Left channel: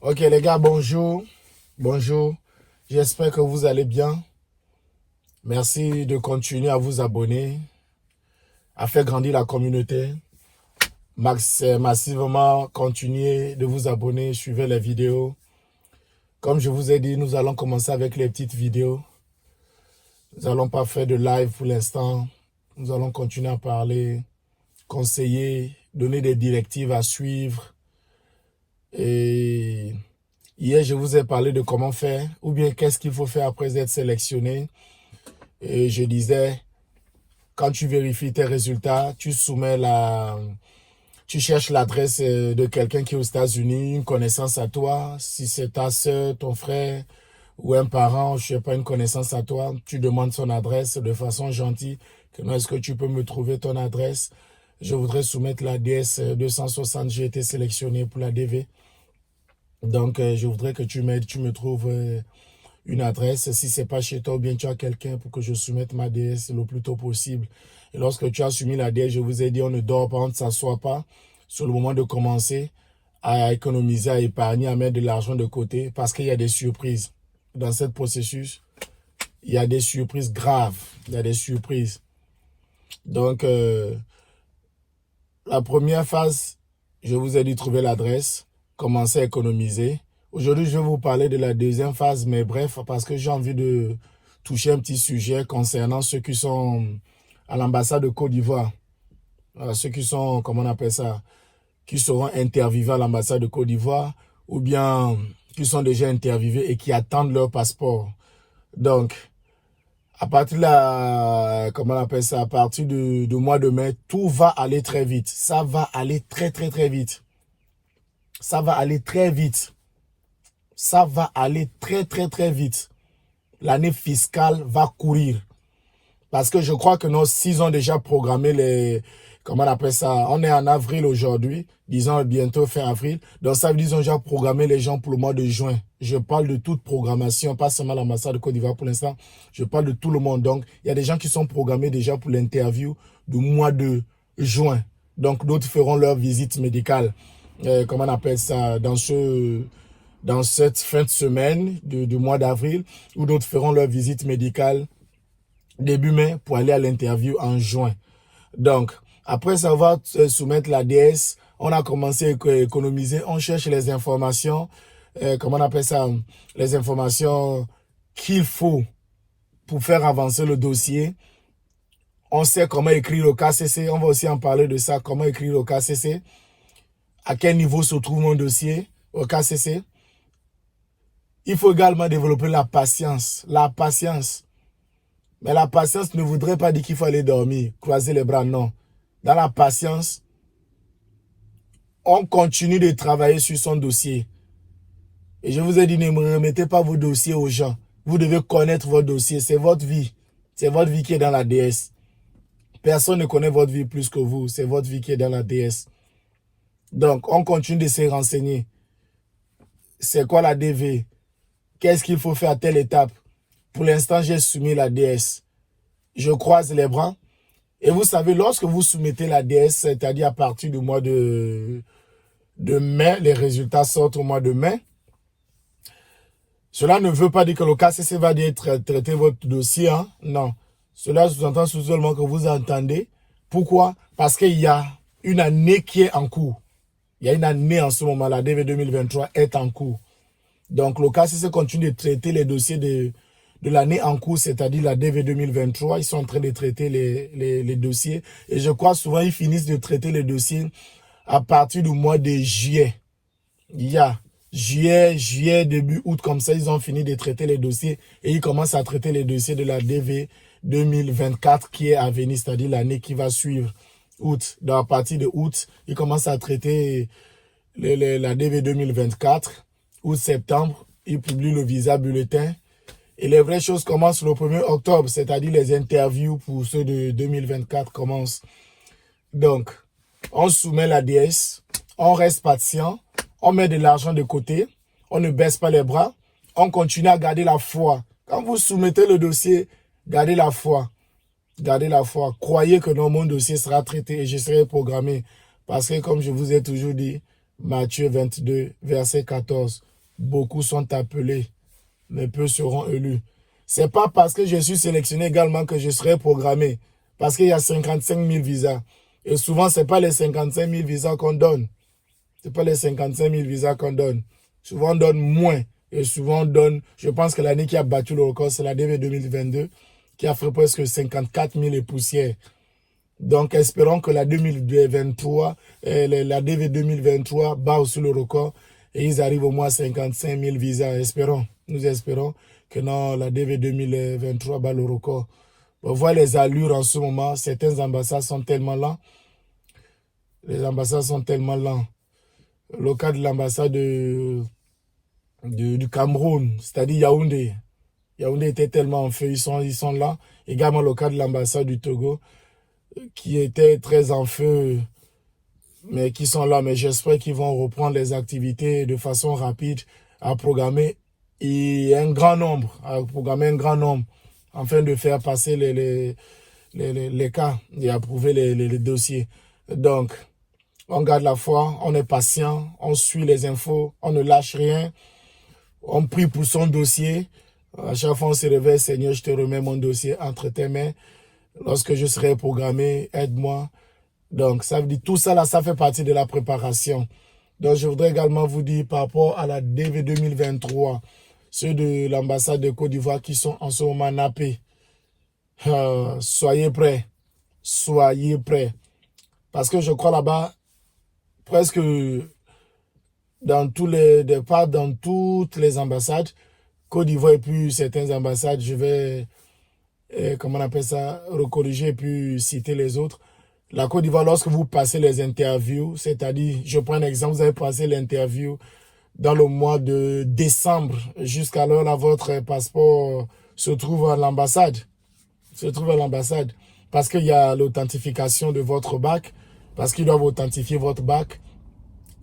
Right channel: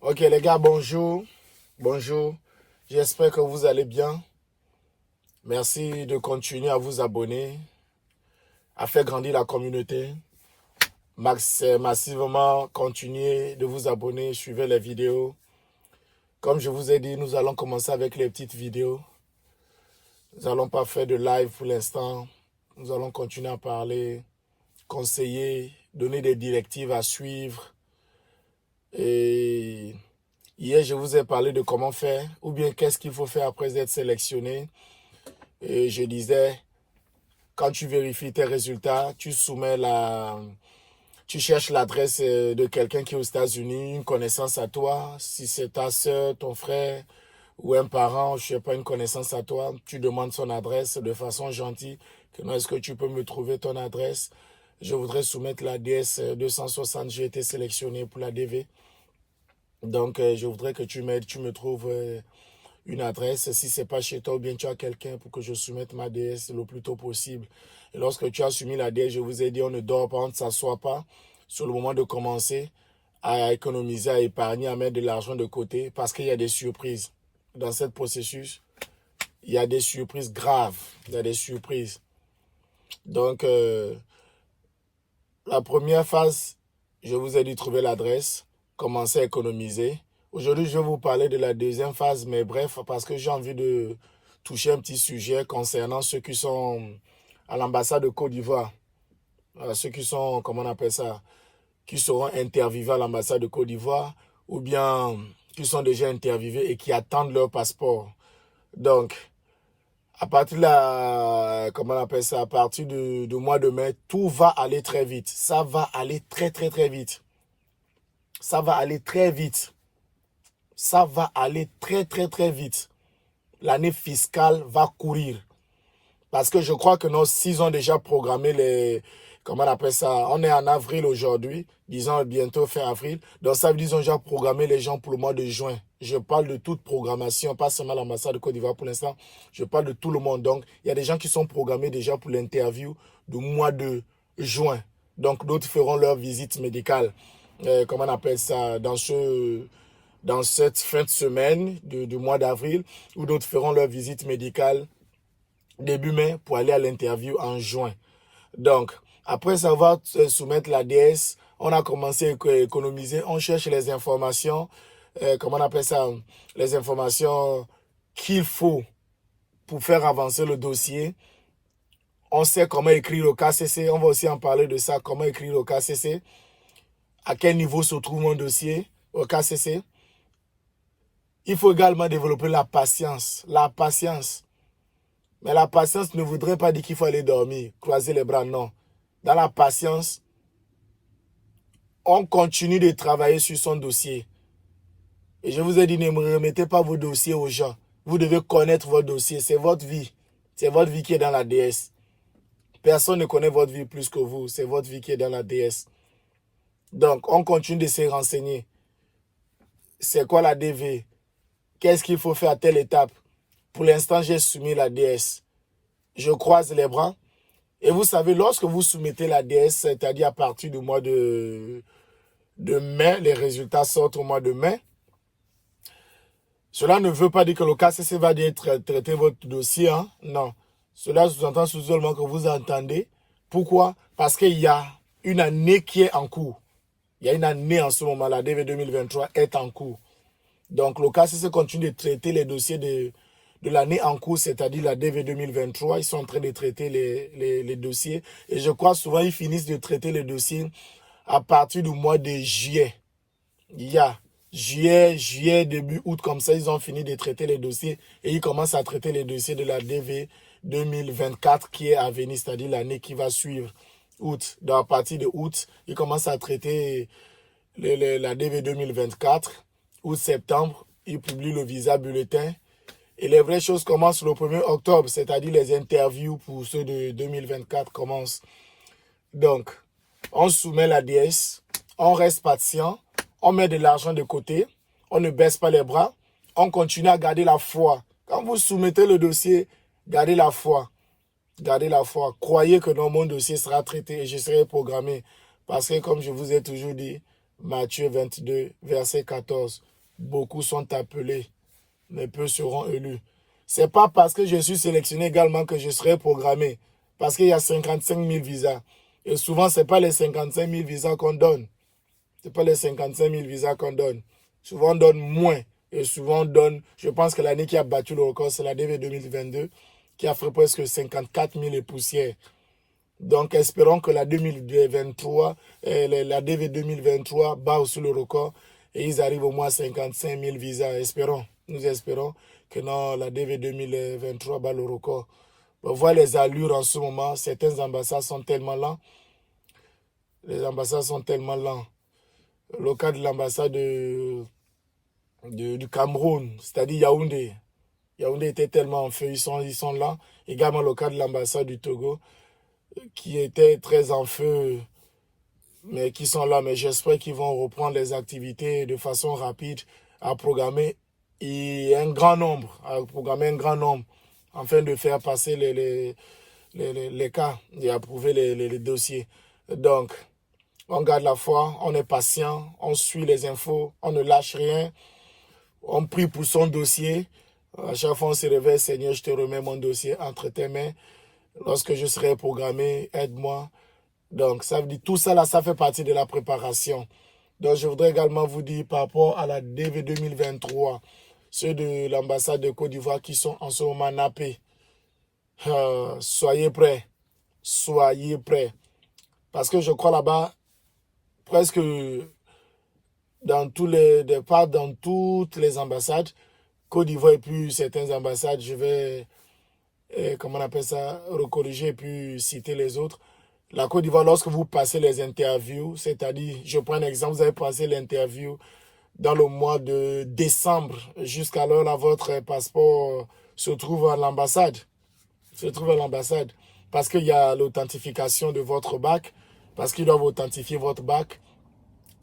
Ok les gars, bonjour. Bonjour. J'espère que vous allez bien. Merci de continuer à vous abonner, à faire grandir la communauté. Massivement, continuez de vous abonner, suivez les vidéos. Comme je vous ai dit, nous allons commencer avec les petites vidéos. Nous n'allons pas faire de live pour l'instant. Nous allons continuer à parler, conseiller, donner des directives à suivre. Et hier, je vous ai parlé de comment faire, ou bien qu'est-ce qu'il faut faire après être sélectionné. Et je disais, quand tu vérifies tes résultats, tu cherches l'adresse de quelqu'un qui est aux États-Unis, une connaissance à toi. Si c'est ta soeur, ton frère ou un parent, je ne sais pas, une connaissance à toi, tu demandes son adresse de façon gentille. Est-ce que tu peux me trouver ton adresse? Je voudrais soumettre la DS 260. J'ai été sélectionné pour la DV. Donc, je voudrais que tu m'aides, tu me trouves une adresse. Si ce n'est pas chez toi ou bien tu as quelqu'un pour que je soumette ma DS le plus tôt possible. Et lorsque tu as soumis la DS, je vous ai dit, on ne dort pas, on ne s'assoit pas. C'est le moment de commencer à économiser, à épargner, à mettre de l'argent de côté parce qu'il y a des surprises. Dans ce processus, il y a des surprises graves. Il y a des surprises. Donc, la première phase, je vous ai dit trouver l'adresse, commencer à économiser. Aujourd'hui, je vais vous parler de la deuxième phase, mais bref, parce que j'ai envie de toucher un petit sujet concernant ceux qui sont à l'ambassade de Côte d'Ivoire. Ceux qui sont, comment on appelle ça, qui seront interviewés à l'ambassade de Côte d'Ivoire ou bien qui sont déjà interviewés et qui attendent leur passeport. Donc, à partir de la, comment on appelle ça, à partir du mois de mai, tout va aller très vite. Ça va aller très, très, très vite. Ça va aller très vite. Ça va aller très, très, très vite. L'année fiscale va courir. Parce que je crois que s'ils ont déjà programmé les, comment on appelle ça, on est en avril aujourd'hui, disons bientôt fin avril. Donc ça veut dire qu'ils ont déjà programmé les gens pour le mois de juin. Je parle de toute programmation, pas seulement l'ambassade de Côte d'Ivoire pour l'instant. Je parle de tout le monde. Donc il y a des gens qui sont programmés déjà pour l'interview du mois de juin. Donc d'autres feront leur visite médicale, comment on appelle ça, dans cette fin de semaine du mois d'avril, ou d'autres feront leur visite médicale début mai pour aller à l'interview en juin. Donc, après savoir soumettre la DS, on a commencé à économiser, on cherche les informations, comment on appelle ça, les informations qu'il faut pour faire avancer le dossier. On sait comment écrire le KCC, on va aussi en parler de ça, comment écrire le KCC, à quel niveau se trouve mon dossier au KCC. Il faut également développer la patience, la patience. Mais la patience ne voudrait pas dire qu'il faut aller dormir, croiser les bras, non. Dans la patience, on continue de travailler sur son dossier. Et je vous ai dit, ne me remettez pas vos dossiers aux gens. Vous devez connaître votre dossier, c'est votre vie. C'est votre vie qui est dans la DS. Personne ne connaît votre vie plus que vous, c'est votre vie qui est dans la DS. Donc, on continue de se renseigner. C'est quoi la DV? Qu'est-ce qu'il faut faire à telle étape? Pour l'instant, j'ai soumis la DS. Je croise les bras. Et vous savez, lorsque vous soumettez la DS, c'est-à-dire à partir du mois de mai, les résultats sortent au mois de mai, cela ne veut pas dire que le KCC va dire traiter votre dossier. Hein? Non. Cela sous-entend seulement que vous entendez. Pourquoi? Parce qu'il y a une année qui est en cours. Il y a une année en ce moment, la DV 2023 est en cours. Donc, le KCC continue de traiter les dossiers de l'année en cours, c'est-à-dire la DV 2023. Ils sont en train de traiter les dossiers. Et je crois souvent ils finissent de traiter les dossiers à partir du mois de juillet. Il y a juillet, début août, comme ça, ils ont fini de traiter les dossiers. Et ils commencent à traiter les dossiers de la DV 2024 qui est à venir, c'est-à-dire l'année qui va suivre août. Donc, à partir de août, ils commencent à traiter la DV 2024. Août-septembre, ils publient le visa bulletin. Et les vraies choses commencent le 1er octobre, c'est-à-dire les interviews pour ceux de 2024 commencent. Donc, on soumet la DS, on reste patient, on met de l'argent de côté, on ne baisse pas les bras, on continue à garder la foi. Quand vous soumettez le dossier, gardez la foi. Gardez la foi. Croyez que mon dossier sera traité et je serai programmé. Parce que comme je vous ai toujours dit, Matthieu 22, verset 14. Beaucoup sont appelés, mais peu seront élus. Ce n'est pas parce que je suis sélectionné également que je serai programmé. Parce qu'il y a 55 000 visas. Et souvent, ce n'est pas les 55 000 visas qu'on donne. Ce n'est pas les 55 000 visas qu'on donne. Souvent, on donne moins. Et souvent, on donne, je pense que l'année qui a battu le record, c'est la DV 2022, qui a fait presque 54 000 et poussières. Donc, espérons que la 2023, la DV 2023 bat aussi le record et ils arrivent au moins à 55 000 visas. Espérons, nous espérons que non, la DV 2023 bat le record. On voit les allures en ce moment. Certaines ambassades sont tellement lents. Les ambassades sont tellement lents. Le cas de l'ambassade du Cameroun, c'est-à-dire Yaoundé. Yaoundé était tellement en feu, ils sont là. Également le cas de l'ambassade du Togo, qui était très en feu, mais qui sont là. Mais j'espère qu'ils vont reprendre les activités de façon rapide à programmer et un grand nombre, afin de faire passer les cas et approuver les dossiers. Donc, on garde la foi, on est patient, on suit les infos, on ne lâche rien, on prie pour son dossier. À chaque fois, on se réveille, Seigneur, je te remets mon dossier entre tes mains. Lorsque je serai programmé, aide-moi. Donc, ça veut dire, tout ça, là, ça fait partie de la préparation. Donc, je voudrais également vous dire par rapport à la DV 2023, ceux de l'ambassade de Côte d'Ivoire qui sont en ce moment nappés. Soyez prêts. Soyez prêts. Parce que je crois là-bas, presque dans toutes les ambassades, Côte d'Ivoire et puis certaines ambassades, je vais, comment on appelle ça, recorriger et puis citer les autres. La Côte d'Ivoire, lorsque vous passez les interviews, c'est-à-dire, je prends un exemple, vous avez passé l'interview dans le mois de décembre, jusqu'alors, là, votre passeport se trouve à l'ambassade. Se trouve à l'ambassade. Parce qu'il y a l'authentification de votre bac, parce qu'ils doivent authentifier votre bac.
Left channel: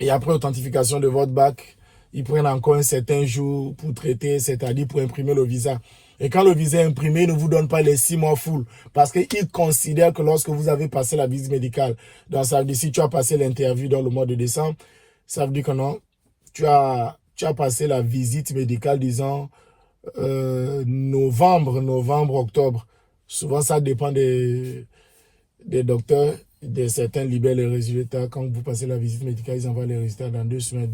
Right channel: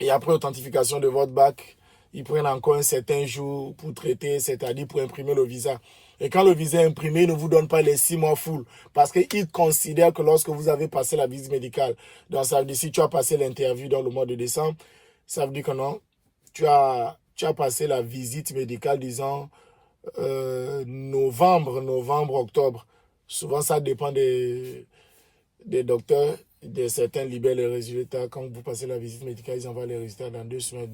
Et après authentification de votre bac, ils prennent encore un certain jour pour traiter, c'est-à-dire pour imprimer le visa. Et quand le visa est imprimé, ils ne vous donnent pas les 6 mois full. Parce qu'ils considèrent que lorsque vous avez passé la visite médicale, donc ça veut dire si tu as passé l'interview dans le mois de décembre, ça veut dire que non, tu as passé la visite médicale, disons, novembre, octobre. Souvent, ça dépend des docteurs. Certains libèrent les résultats. Quand vous passez la visite médicale, ils envoient les résultats dans 2 semaines.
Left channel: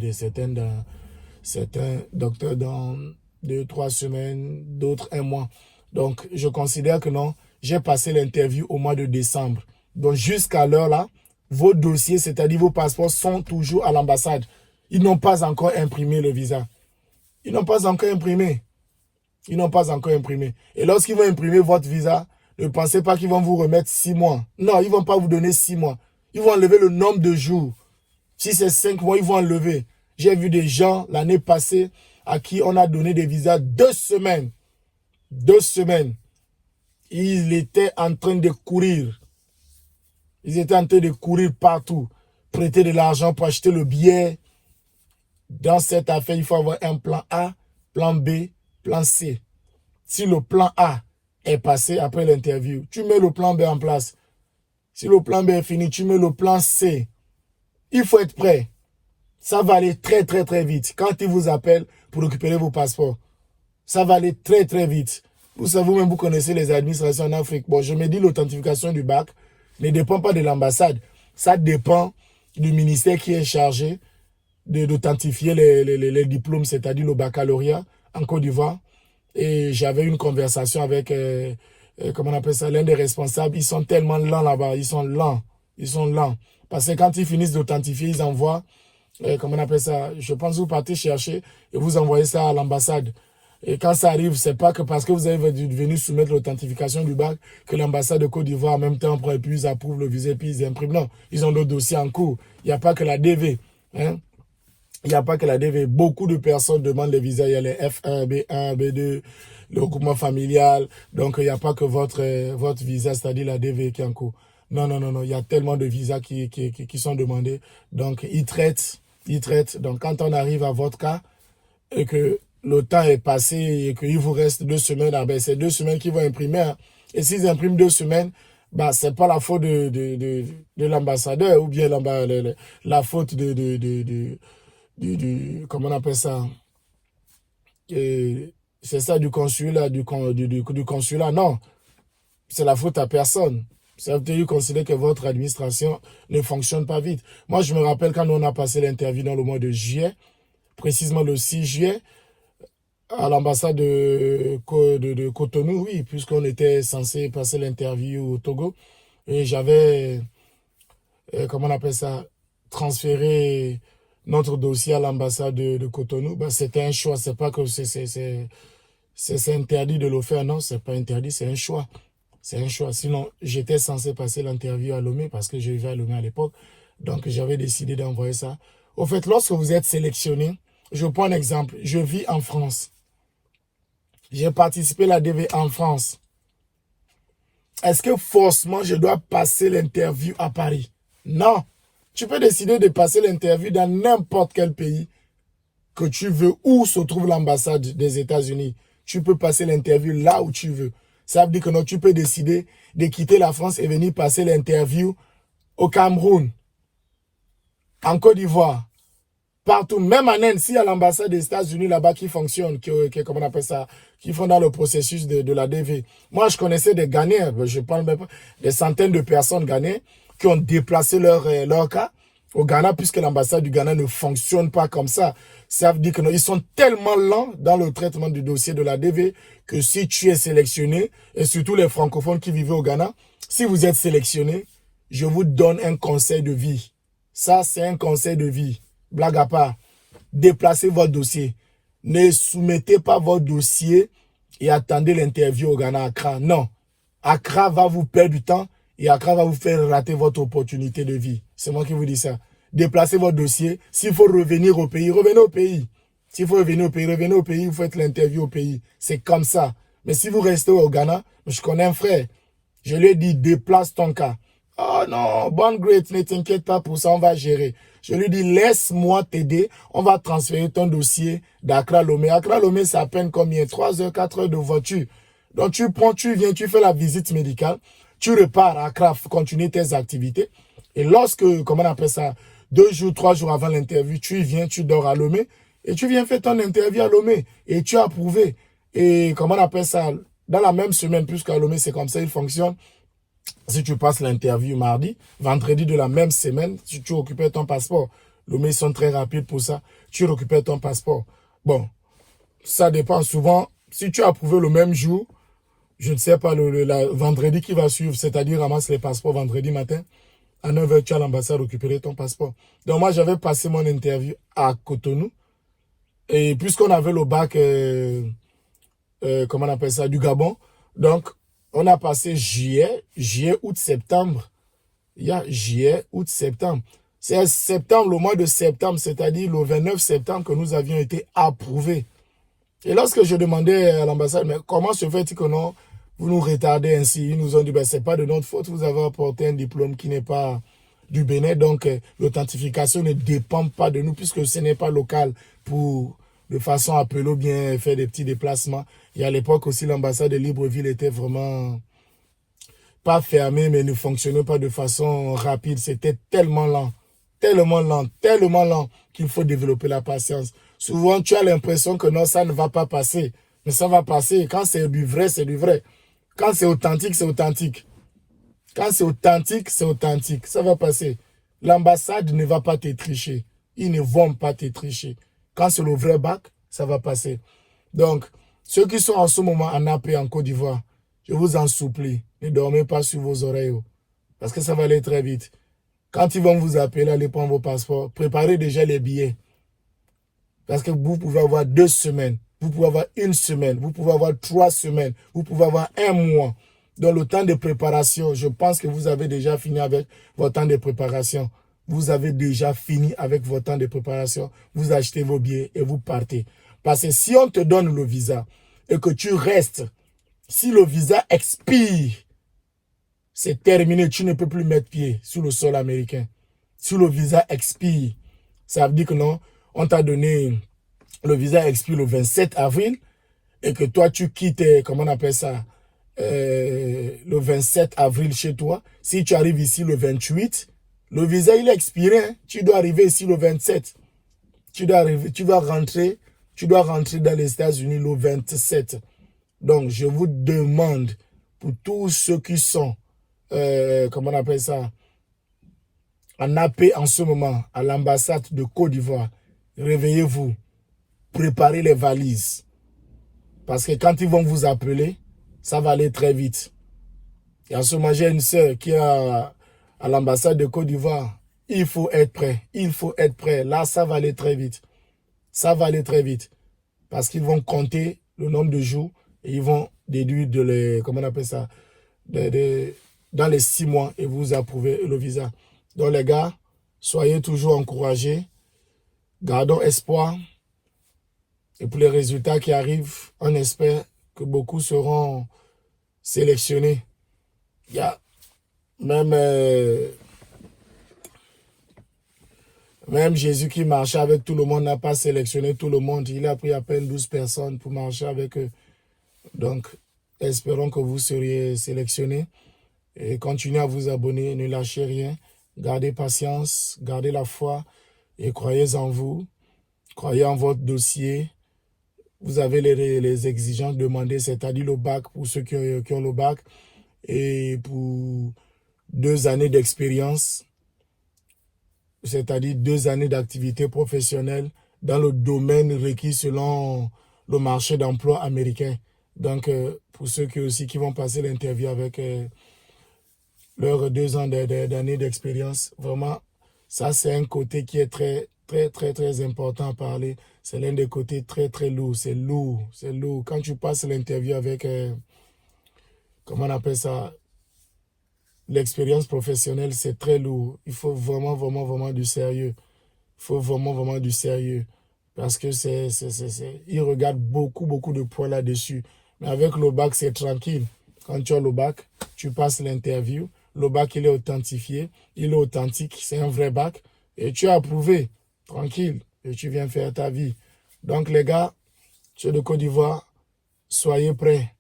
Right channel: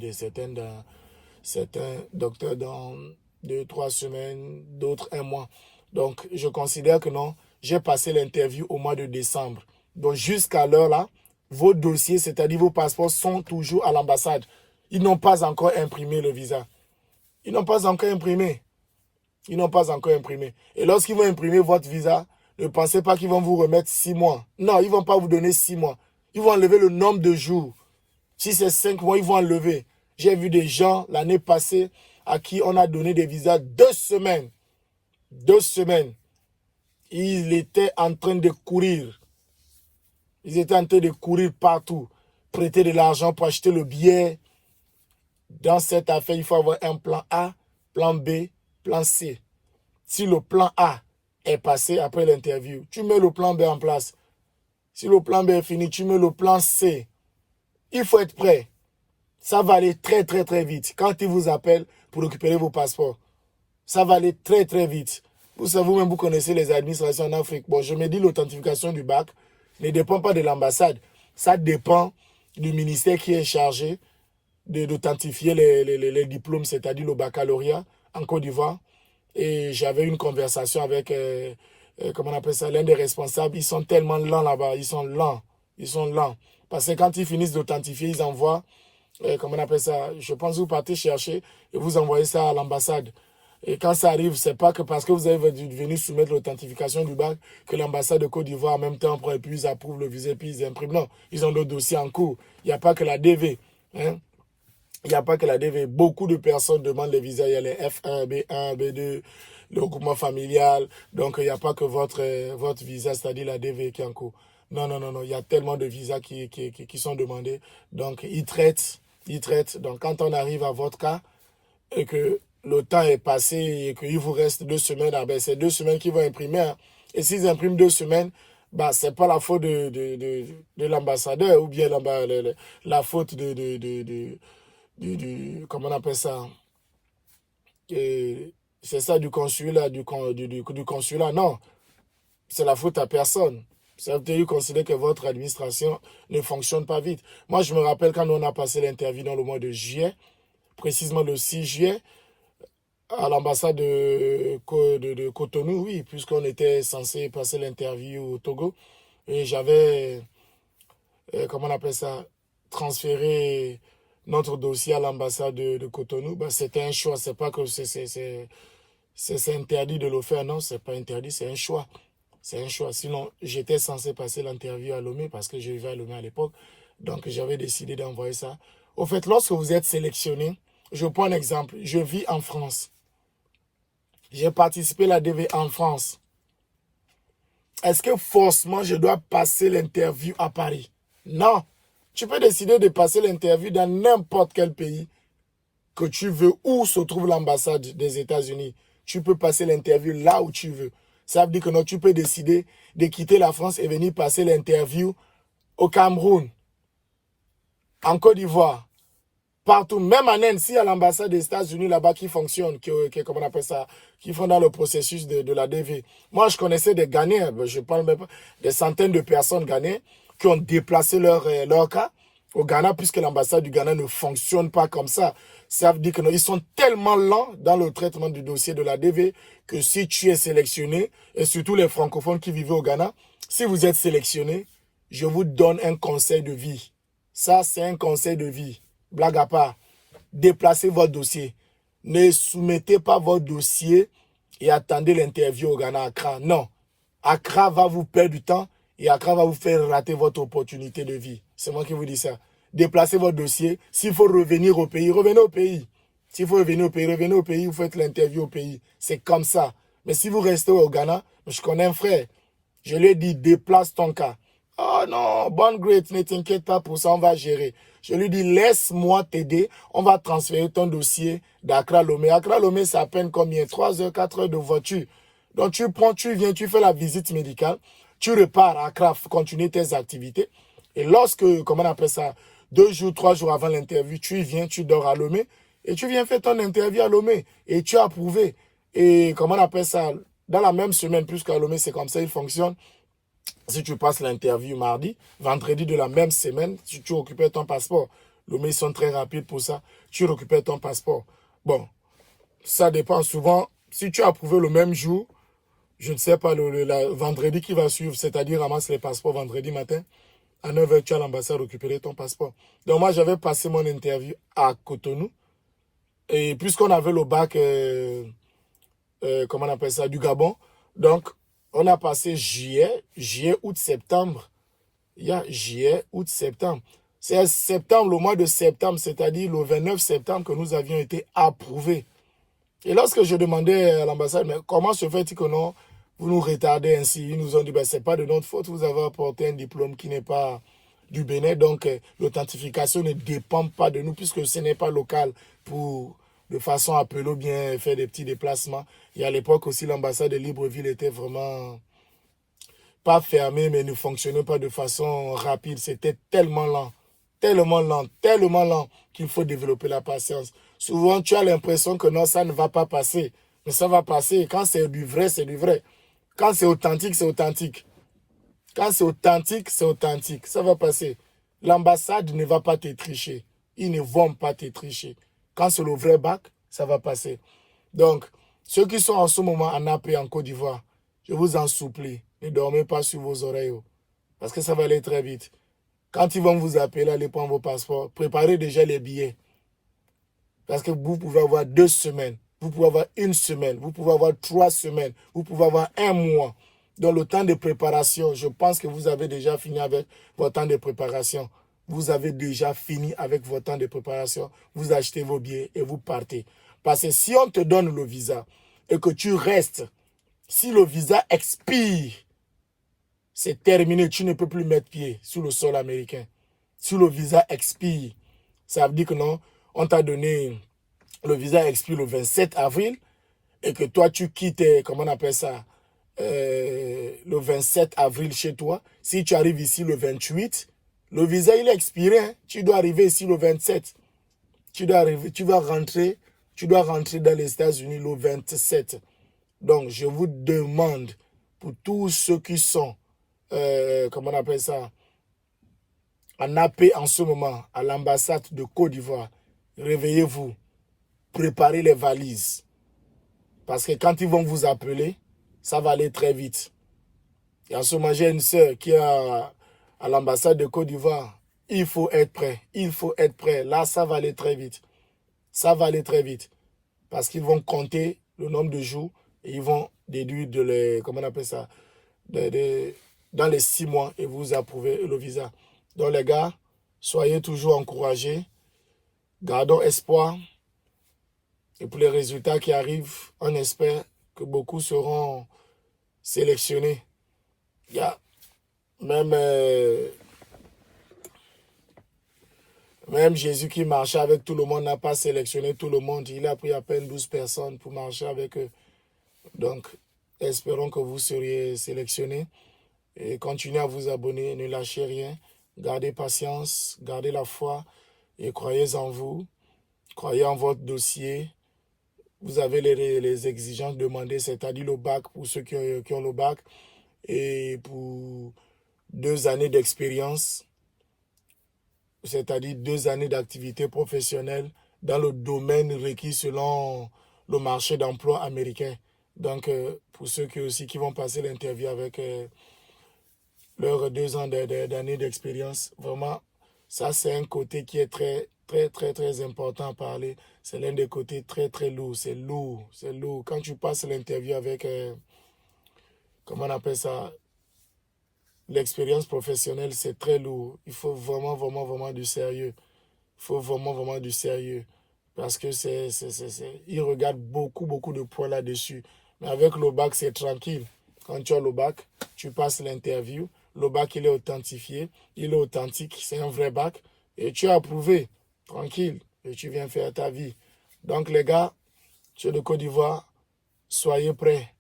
Certains docteurs dans 2-3 semaines, d'autres 1 mois. Donc, je considère que non, j'ai passé l'interview au mois de décembre. Donc, jusqu'à l'heure là, vos dossiers, c'est-à-dire vos passeports, sont toujours à l'ambassade. Ils n'ont pas encore imprimé le visa. Ils n'ont pas encore imprimé. Ils n'ont pas encore imprimé. Et lorsqu'ils vont imprimer votre visa, ne pensez pas qu'ils vont vous remettre 6 mois. Non, ils ne vont pas vous donner 6 mois. Ils vont enlever le nombre de jours. Si c'est 5 mois, ils vont enlever. J'ai vu des gens l'année passée à qui on a donné des visas 2 semaines. 2 semaines. Ils étaient en train de courir. Ils étaient en train de courir partout. Prêter de l'argent pour acheter le billet. Dans cette affaire, il faut avoir un plan A, plan B, plan C. Si le plan A est passé après l'interview, tu mets le plan B en place. Si le plan B est fini, tu mets le plan C. Il faut être prêt. Ça va aller très, très, très vite. Quand ils vous appellent pour récupérer vos passeports, ça va aller très, très vite. Vous savez, vous-même, vous connaissez les administrations en Afrique. Bon, je me dis l'authentification du bac ne dépend pas de l'ambassade. Ça dépend du ministère qui est chargé d'authentifier les diplômes, c'est-à-dire le baccalauréat en Côte d'Ivoire. Et j'avais une conversation avec, comment on appelle ça, l'un des responsables. Ils sont tellement lents là-bas. Ils sont lents. Ils sont lents. Parce que quand ils finissent d'authentifier, ils envoient, comment on appelle ça, je pense que vous partez chercher et vous envoyez ça à l'ambassade. Et quand ça arrive, c'est pas que parce que vous avez venu soumettre l'authentification du bac que l'ambassade de Côte d'Ivoire en même temps prend et puis ils approuvent le visa et puis ils impriment. Non, ils ont d'autres dossiers en cours. Il n'y a pas que la DV. Hein? Il n'y a pas que la DV. Beaucoup de personnes demandent les visas. Il y a les F1, B1, B2, le regroupement familial. Donc, il n'y a pas que votre visa, c'est-à-dire la DV qui est en cours. Non, non, non, non. Il y a tellement de visas qui sont demandés. Donc, ils traitent. Donc, quand on arrive à votre cas et que le temps est passé et qu'il vous reste 2 semaines, ah ben, c'est 2 semaines qu'ils vont imprimer. Hein. Et s'ils impriment 2 semaines, bah, c'est pas la faute de l'ambassadeur ou bien la faute comment on appelle ça? Euh, c'est ça du consulat, du consulat. Non, c'est la faute à personne. Ça veut dire considérer que votre administration ne fonctionne pas vite. Moi, je me rappelle quand on a passé l'interview dans le mois de juillet, précisément le 6 juillet, à l'ambassade de Cotonou, oui, puisqu'on était censé passer l'interview au Togo. Et j'avais, comment on appelle ça, transféré notre dossier à l'ambassade de Cotonou. Bah, c'était un choix. C'est pas que c'est interdit de le faire. Non, c'est pas interdit, c'est un choix. C'est un choix. Sinon, j'étais censé passer l'interview à Lomé parce que je vivais à Lomé à l'époque. Donc, j'avais décidé d'envoyer ça. Au fait, lorsque vous êtes sélectionné, je prends un exemple. Je vis en France. J'ai participé à la DV en France. Est-ce que forcément je dois passer l'interview à Paris? Non. Tu peux décider de passer l'interview dans n'importe quel pays que tu veux, où se trouve l'ambassade des États-Unis. Tu peux passer l'interview là où tu veux. Ça veut dire que non, tu peux décider de quitter la France et venir passer l'interview au Cameroun, en Côte d'Ivoire, partout. Même en Inde, s'il y a l'ambassade des États-Unis là-bas qui fonctionne, comment on appelle ça, qui font dans le processus de la DV. Moi, je connaissais des Ghanéens, je parle même pas, des centaines de personnes ghanéennes qui ont déplacé leur cas au Ghana, puisque l'ambassade du Ghana ne fonctionne pas comme ça. Ça veut dire qu'ils sont tellement lents dans le traitement du dossier de la DV que si tu es sélectionné, et surtout les francophones qui vivent au Ghana, si vous êtes sélectionné, je vous donne un conseil de vie. Ça, c'est un conseil de vie. Blague à part. Déplacez votre dossier. Ne soumettez pas votre dossier et attendez l'interview au Ghana Accra. Non. Accra va vous perdre du temps et Accra va vous faire rater votre opportunité de vie. C'est moi qui vous dis ça. Déplacez votre dossier. S'il faut revenir au pays, revenez au pays. S'il faut revenir au pays, revenez au pays, vous faites l'interview au pays. C'est comme ça. Mais si vous restez au Ghana, je connais un frère. Je lui ai dit, déplace ton cas. Oh non, bonne great, ne t'inquiète pas pour ça, on va gérer. Je lui dis, laisse-moi t'aider, on va transférer ton dossier d'Accra Lomé. Accra Lomé, c'est à peine combien? 3 heures, 4 heures de voiture. Donc tu prends, tu viens, tu fais la visite médicale, tu repars à Accra, continuer tes activités. Et lorsque, comment on appelle ça, 2 jours, 3 jours avant l'interview, tu viens, tu dors à Lomé, et tu viens faire ton interview à Lomé, et tu as approuvé. Et comment on appelle ça, dans la même semaine, puisqu'à Lomé, c'est comme ça, il fonctionne. Si tu passes l'interview mardi, vendredi de la même semaine, tu récupères ton passeport. Lomé, ils sont très rapides pour ça. Tu récupères ton passeport. Bon, ça dépend souvent. Si tu as approuvé le même jour, je ne sais pas, vendredi qui va suivre, c'est-à-dire ramasse les passeports vendredi matin, à 9 heures, tu as à l'ambassade récupérer ton passeport. Donc moi, j'avais passé mon interview à Cotonou. Et puisqu'on avait le bac, comment on appelle ça, du Gabon, donc on a passé juillet, août, septembre. Il y a juillet, août, septembre. C'est septembre, le mois de septembre, c'est-à-dire le 29 septembre que nous avions été approuvés. Et lorsque je demandais à l'ambassade, mais comment se fait-il que non, vous nous retardez ainsi? Ils nous ont dit, ben, c'est pas de notre faute, vous avez apporté un diplôme qui n'est pas du Bénin, donc l'authentification ne dépend pas de nous puisque ce n'est pas local pour, de façon appeler ou bien faire des petits déplacements. Et à l'époque aussi, l'ambassade de Libreville était vraiment pas fermée, mais ne fonctionnait pas de façon rapide. C'était tellement lent qu'il faut développer la patience. Souvent, tu as l'impression que non, ça ne va pas passer. Mais ça va passer. Quand c'est du vrai, c'est du vrai. Quand c'est authentique, c'est authentique. Quand c'est authentique, c'est authentique. Ça va passer. L'ambassade ne va pas te tricher. Ils ne vont pas te tricher. Quand c'est le vrai bac, ça va passer. Donc, ceux qui sont en ce moment en AP en Côte d'Ivoire, je vous en supplie, ne dormez pas sur vos oreilles. Parce que ça va aller très vite. Quand ils vont vous appeler, allez prendre vos passeports. Préparez déjà les billets. Parce que vous pouvez avoir 2 semaines. Vous pouvez avoir 1 semaine. Vous pouvez avoir 3 semaines. Vous pouvez avoir 1 mois. Dans le temps de préparation, je pense que vous avez déjà fini avec votre temps de préparation. Vous avez déjà fini avec votre temps de préparation. Vous achetez vos billets et vous partez. Parce que si on te donne le visa et que tu restes, si le visa expire, c'est terminé. Tu ne peux plus mettre pied sur le sol américain. Si le visa expire, ça veut dire que non, on t'a donné, le visa expire le 27 avril et que toi, tu quittes, comment on appelle ça, le 27 avril chez toi, si tu arrives ici le 28, le visa il est expiré. Hein. Tu dois arriver ici le 27. Tu dois rentrer dans les États-Unis le 27. Donc, je vous demande, pour tous ceux qui sont, comment on appelle ça, en AP en ce moment, à l'ambassade de Côte d'Ivoire, réveillez-vous, préparez les valises. Parce que quand ils vont vous appeler, ça va aller très vite. Et en ce moment, j'ai une sœur qui est à l'ambassade de Côte d'Ivoire. Il faut être prêt. Il faut être prêt. Là, ça va aller très vite. Ça va aller très vite. Parce qu'ils vont compter le nombre de jours et ils vont déduire de les, comment on appelle ça, dans les 6 mois et vous approuvez le visa. Donc les gars, soyez toujours encouragés. Gardons espoir. Et pour les résultats qui arrivent, on espère que beaucoup seront sélectionnés. Il y a même Jésus qui marchait avec tout le monde n'a pas sélectionné tout le monde. Il a pris à peine 12 personnes pour marcher avec eux. Donc, espérons que vous seriez sélectionnés. Et continuez à vous abonner, ne lâchez rien. Gardez patience, gardez la foi et croyez en vous. Croyez en votre dossier. Vous avez les exigences demandées, c'est-à-dire le bac pour ceux qui ont le bac et pour 2 années d'expérience, c'est-à-dire 2 années d'activité professionnelle dans le domaine requis selon le marché d'emploi américain. Donc, pour ceux qui vont passer l'interview avec leurs 2 ans d'années d'expérience, vraiment, ça c'est un côté qui est très, très, très, très important à parler. C'est l'un des côtés très, très lourds. C'est lourd, c'est lourd. Quand tu passes l'interview avec, comment on appelle ça, l'expérience professionnelle, c'est très lourd. Il faut vraiment, vraiment, vraiment du sérieux. Il faut vraiment, vraiment du sérieux. Parce que ils regardent beaucoup, beaucoup de points là-dessus. Mais avec le bac, c'est tranquille. Quand tu as le bac, tu passes l'interview. Le bac, il est authentifié. Il est authentique. C'est un vrai bac. Et tu as approuvé. Tranquille. Et tu viens faire ta vie. Donc, les gars, ceux de Côte d'Ivoire, soyez prêts.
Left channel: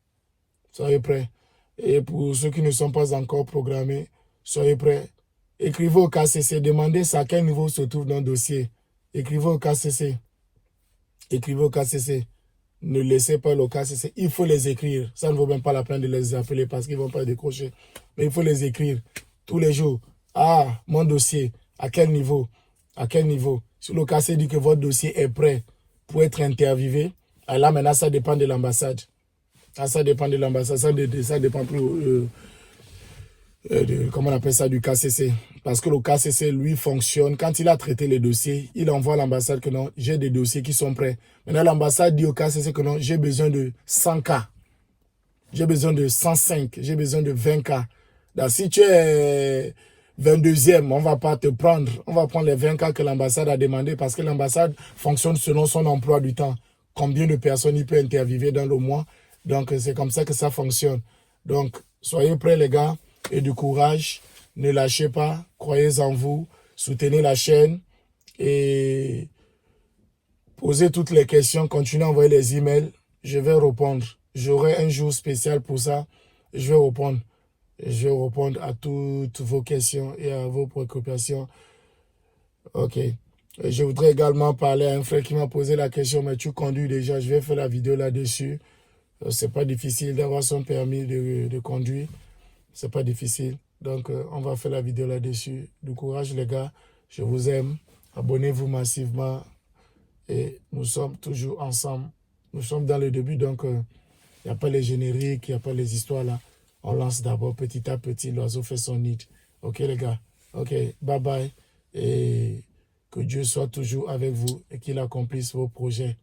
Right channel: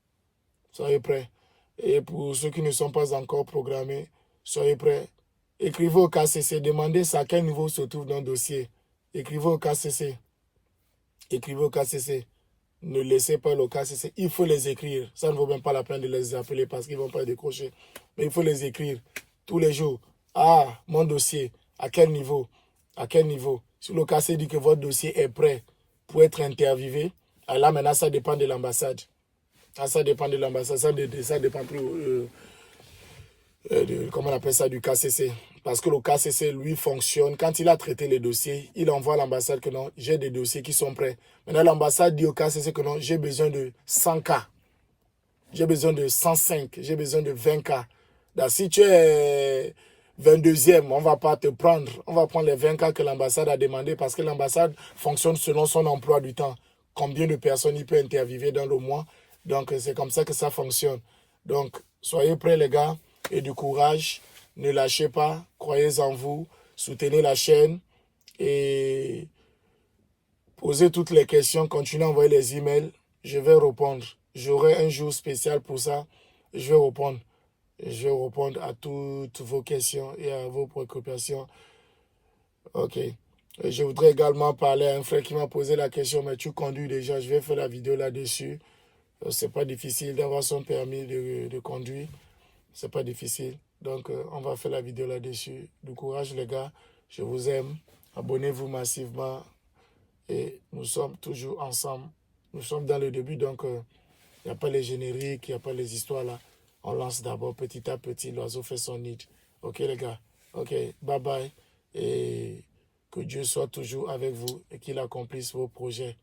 Soyez prêts. Et pour ceux qui ne sont pas encore programmés, soyez prêts. Écrivez au KCC. Demandez à quel niveau se trouve dans le dossier. Écrivez au KCC. Écrivez au KCC. Ne laissez pas le KCC. Il faut les écrire. Ça ne vaut même pas la peine de les appeler parce qu'ils ne vont pas décrocher. Mais il faut les écrire tous les jours. Ah, mon dossier, à quel niveau? À quel niveau? Si le KCC dit que votre dossier est prêt pour être interviewé, là maintenant ça dépend de l'ambassade. Ça dépend de l'ambassade. Ça dépend plus comment on appelle ça, du KCC. Parce que le KCC, lui, fonctionne. Quand il a traité les dossiers, il envoie à l'ambassade que non, j'ai des dossiers qui sont prêts. Maintenant, l'ambassade dit au KCC que non, j'ai besoin de 100 cas. J'ai besoin de 105. J'ai besoin de 20 cas. Donc, si tu es 22e, on ne va pas te prendre. On va prendre les 20 cas que l'ambassade a demandé parce que l'ambassade fonctionne selon son emploi du temps. Combien de personnes il peut interviewer dans le mois. Donc, c'est comme ça que ça fonctionne. Donc, soyez prêts, les gars. Et du courage, ne lâchez pas, croyez en vous, soutenez la chaîne et posez toutes les questions, continuez à envoyer les emails, je vais répondre. J'aurai un jour spécial pour ça, je vais répondre. Je vais répondre à toutes vos questions et à vos préoccupations. Ok. Je voudrais également parler à un frère qui m'a posé la question, mais tu conduis déjà, je vais faire la vidéo là-dessus. C'est pas difficile d'avoir son permis de conduire. C'est pas difficile. Donc, on va faire la vidéo là-dessus. Du courage, les gars. Je vous aime. Abonnez-vous massivement. Et nous sommes toujours ensemble. Nous sommes dans le début, donc il n'y a pas les génériques, il n'y a pas les histoires là. On lance d'abord petit à petit. L'oiseau fait son nid. Ok, les gars. Ok, bye bye. Et que Dieu soit toujours avec vous et qu'il accomplisse vos projets.